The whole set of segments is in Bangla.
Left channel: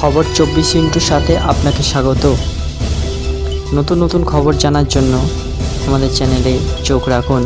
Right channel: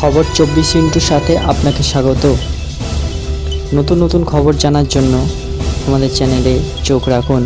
খবর চব্বিশ ইন্টুর সাথে আপনাকে স্বাগত। নতুন নতুন খবর জানার জন্য আমাদের চ্যানেলে চোখ রাখুন।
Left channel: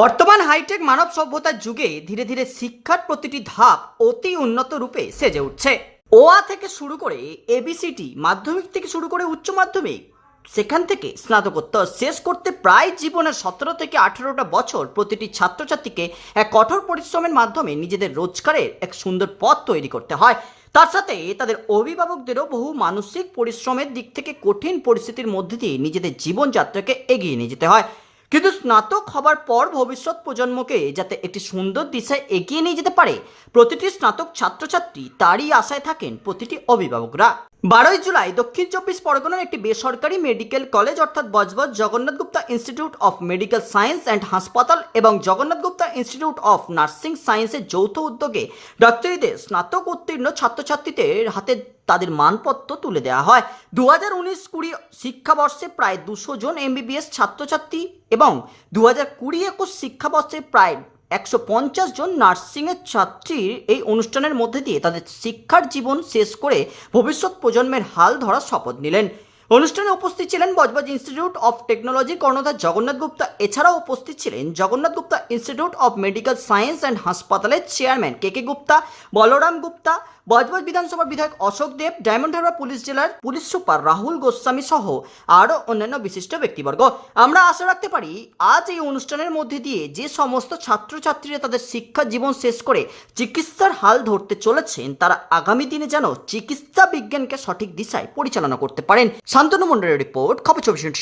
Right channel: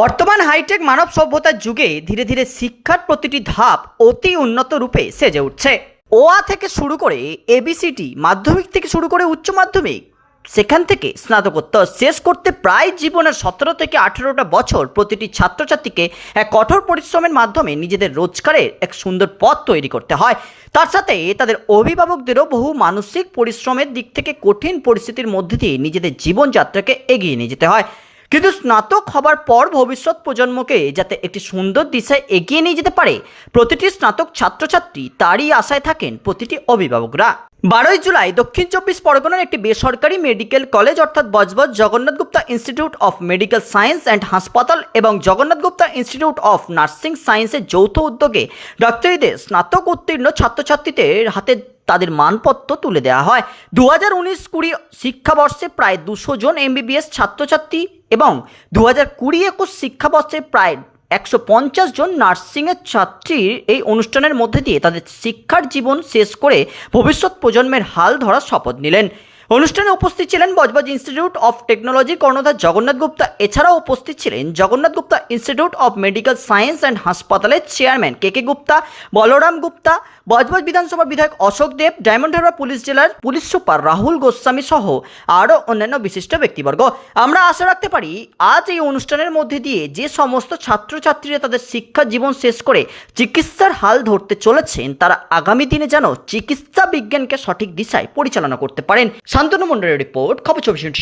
বর্তমান হাইটেক মানব সভ্যতার যুগে ধীরে ধীরে শিক্ষার প্রতিটি ধাপ অতি উন্নত রূপে সেজে উঠছে। ওয়া থেকে শুরু করে এবিসিটি মাধ্যমিক থেকে শুরু করে উচ্চ মাধ্যমিক সেখান থেকে স্নাতকোত্তর শেষ করতে প্রায় জীবনের সতেরো থেকে আঠেরোটা বছর প্রতিটি ছাত্রছাত্রীকে এক কঠোর পরিশ্রমের মাধ্যমে নিজেদের রোজগারের এক সুন্দর পথ তৈরি করতে হয়। তার সাথে তাদের অভিভাবকদেরও বহু মানসিক পরিশ্রমের দিক থেকে কঠিন পরিস্থিতির মধ্যে দিয়ে নিজেদের জীবনযাত্রাকে এগিয়ে নিয়ে যেতে হয়। কিন্তু স্নাতক হবার পর ভবিষ্যৎ প্রজন্মকে যাতে একটি সুন্দর দিশায় এগিয়ে নিয়ে যেতে পারে, প্রতিটি স্নাতক ছাত্রছাত্রী তারই আশায় থাকেন প্রতিটি অভিভাবকরা। বারোই জুলাই দক্ষিণ চব্বিশ পরগনার একটি বেসরকারি মেডিকেল কলেজ অর্থাৎ Budge Budge Jagannath Gupta institute of medical science and হাসপাতাল এবং Jagannath Gupta institute of nursing সায়েন্সের যৌথ উদ্যোগে ডাক্তারিদের স্নাতক উত্তীর্ণ ছাত্রছাত্রীদের হাতে তাদের মানপত্র তুলে দেওয়া হয়। দু হাজার উনিশ কুড়ি শিক্ষাবর্ষে প্রায় দুশো জন এমবিবিএস ছাত্রছাত্রী এবং দু হাজার কুড়ি একুশ শিক্ষাবর্ষে প্রায় একশো পঞ্চাশ জন নার্সিংয়ের ছাত্রীর এই অনুষ্ঠানের মধ্যে দিয়ে তাদের শিক্ষার জীবন শেষ করে ভবিষ্যৎ প্রজন্মের হাল ধরার শপথ নিলেন। অনুষ্ঠানে উপস্থিত ছিলেন বজবজ ইনস্টিটিউট অফ টেকনোলজি কর্ণধার জগন্নাথ গুপ্তা। এছাড়াও উপস্থিত ছিলেন Jagannath Gupta institute of medical science and হাসপাতালের chairman K K Gupta, Balaram Gupta, Budge Budge বিধানসভার বিধায়ক Ashok Deb, Diamond Harbour police জেলার পুলিশ সুপার রাহুল গোস্বামী সহ আরও অন্যান্য বিশিষ্ট ব্যক্তিবর্গ। আমরা আশা রাখতে পারি, আজ এই অনুষ্ঠানের মধ্যে দিয়ে যে সমস্ত ছাত্রছাত্রীরা তাদের শিক্ষা জীবন শেষ করে চিকিৎসার হাল ধরতে চলেছেন, তারা আগামী দিনে যেন চিকিৎসা বিজ্ঞানকে সঠিক দিশায় পরিচালনা করতে পারেন। শান্তনু মন্ডলের রিপোর্ট খবর চব্বিশ সাত